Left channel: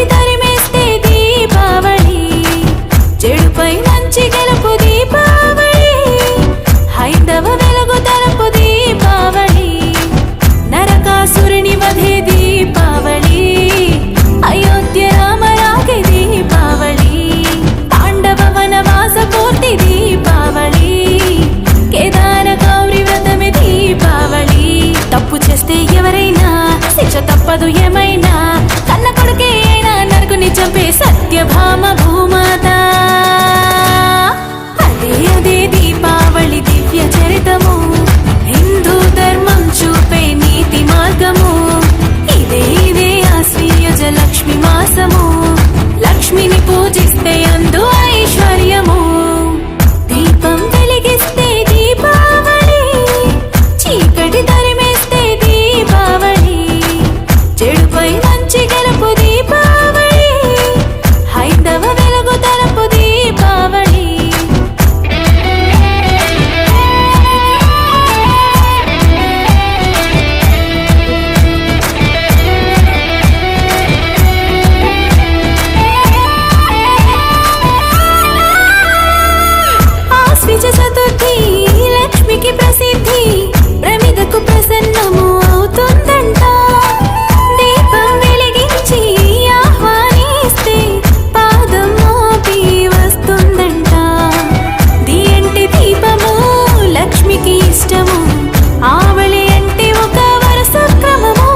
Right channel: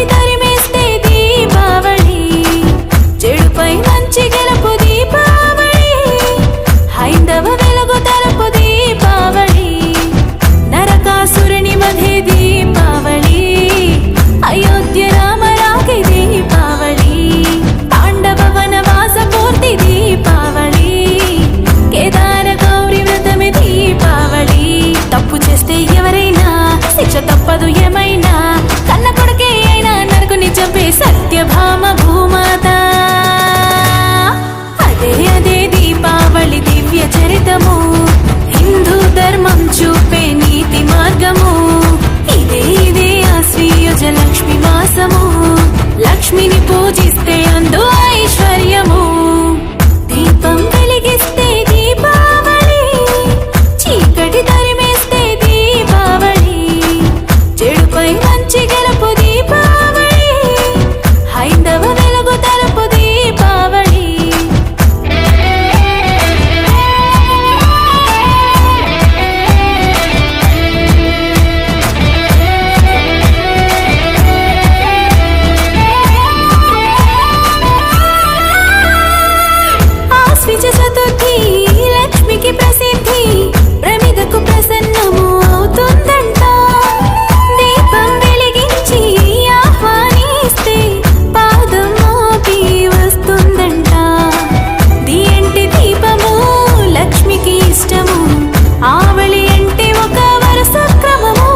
చీకటి తరిమేస్తే దీపావళి, చెడుపై మంచి గెలుపు దీపావళి, హైందవ వెలుగు తలుపు దీపావళి, నరకాసురుని వధే దీపావళి, అయోధ్య రామరాగే దీపావళి, పాండవ వనవాస పూర్తి దీపావళి, కేదార గౌరీ వ్రతమే దీపావళి. తప్పు చేస్తే ఎవరైనా శిక్ష తప్పదు ఏమైనా, కన్న కొడుకే అయినా నరకుని చంపే సత్యభామ భూమాత. అదే అదే దీపావళి దివ్య చరితము, హిందూ ధర్మం చూపే నీతి మార్గము. ఇదే ఇదే ఆశ్వయుజ లక్ష్మి మాసము, లక్ష్మిని పూజిస్తే అందు ఐశ్వర్యము. దీపం వెలిగిస్తే దీపావళి, చీకటి తరిమేస్తే దీపావళి, చెడుపై మంచి గెలుపు దీపావళి, హైందవ వెలుగు తలుపు దీపావళి. ఆశ్విజ చతుర్థి లక్ష్మికి ప్రసిద్ధి, ప్రమిదకు ప్రసన్నము అవుతుందంట. దీపం వెలిగించి ఆహ్వానిస్తే పాదం మోపి వస్తుందంట. దియంటి దీపము లక్ష్మికి ఇష్టము, ఆవళి అంటే ఒక వరుస క్రమము.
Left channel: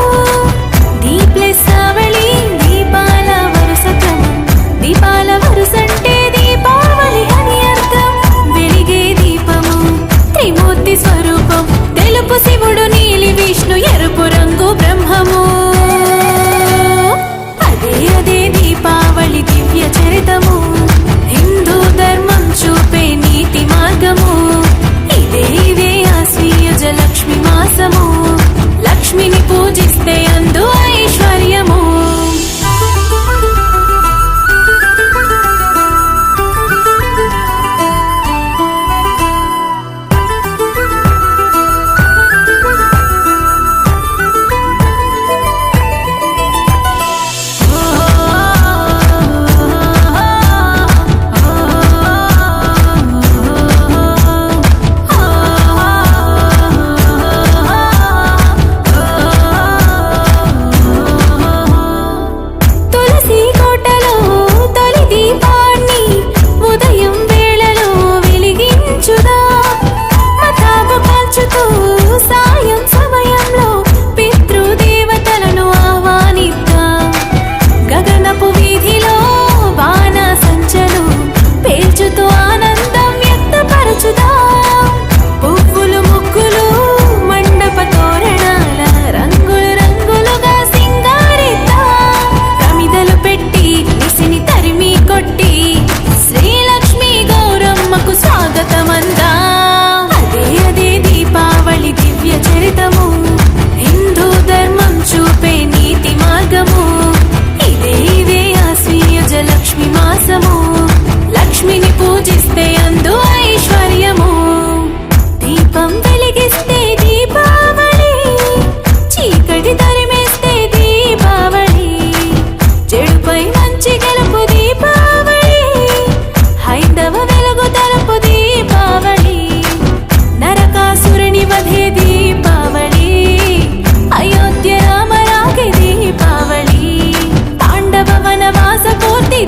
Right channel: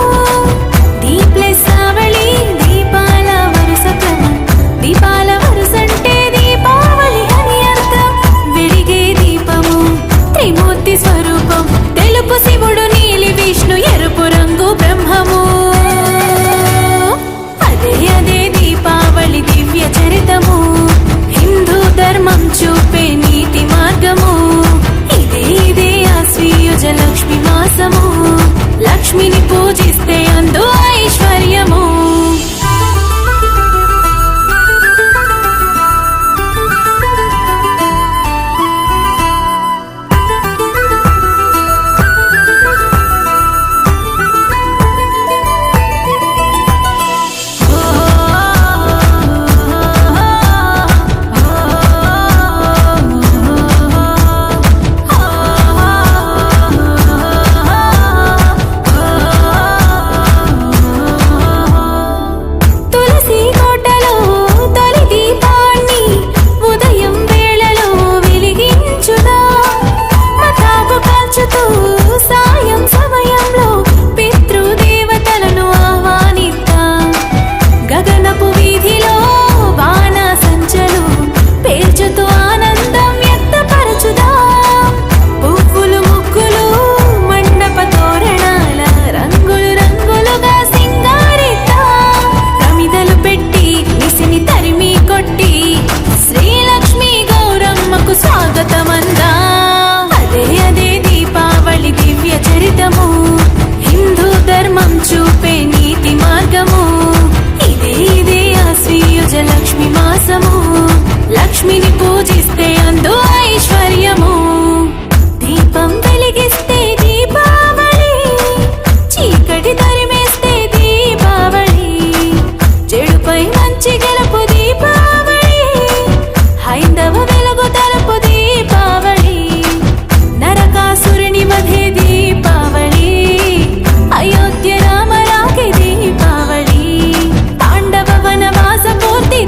దీప్లెస్ ఆవళి దీపాల వరుస క్రమం, దీపాల వరుసంటే దీపావళి అని అర్థం. వెలిగే దీపము త్రిమూర్తి స్వరూపం, తెలుపు శివుడు, నీలి విష్ణు, ఎరుపు రంగు బ్రహ్మము. అదే అదే దీపావళి దివ్య చరితము, హిందూ ధర్మం చూపే నీతి మార్గము. ఇదే ఇదే ఆశ్వయుజ లక్ష్మి మాసము, లక్ష్మిని పూజిస్తే అందు ఐశ్వర్యము. తులసి కోటలో తొలి దీపాన్ని ఉదయం వేళలో వెలిగించుదా, మతాబు కాల్చుతూ సాయం సమయంలో పితృదేవతలను ఆహ్వానిద్దాం. గగనపు వీధిలో వాన సంచలు పేల్చుతూ ఆనందం వ్యక్తపరచుదాం. పువ్వులు ముగ్గులు మండప తోరణాల రంగులు రంగులుగా సింగారిద్దాం. ప్రమిదలు పెట్టి నిసిని తరిమి కొట్టి శ్రీలక్ష్మి గౌరమ్మకు స్వాగతమందాం. అదే అదే దీపావళి దివ్య చరితము, హిందూ ధర్మం చూపే నీతి మార్గము. ఇదే ఇదే ఆశ్వయుజ లక్ష్మి మాసము, లక్ష్మిని పూజిస్తే అందు ఐశ్వర్యము. దీపం వెలిగిస్తే దీపావళి, చీకటి తరిమేస్తే దీపావళి, చెడుపై మంచి గెలుపు దీపావళి, హైందవ వెలుగు తలుపు దీపావళి, నరకాసురుని వధే దీపావళి, అయోధ్య రామరాగే దీపావళి, పాండవ వనవాస పూర్తి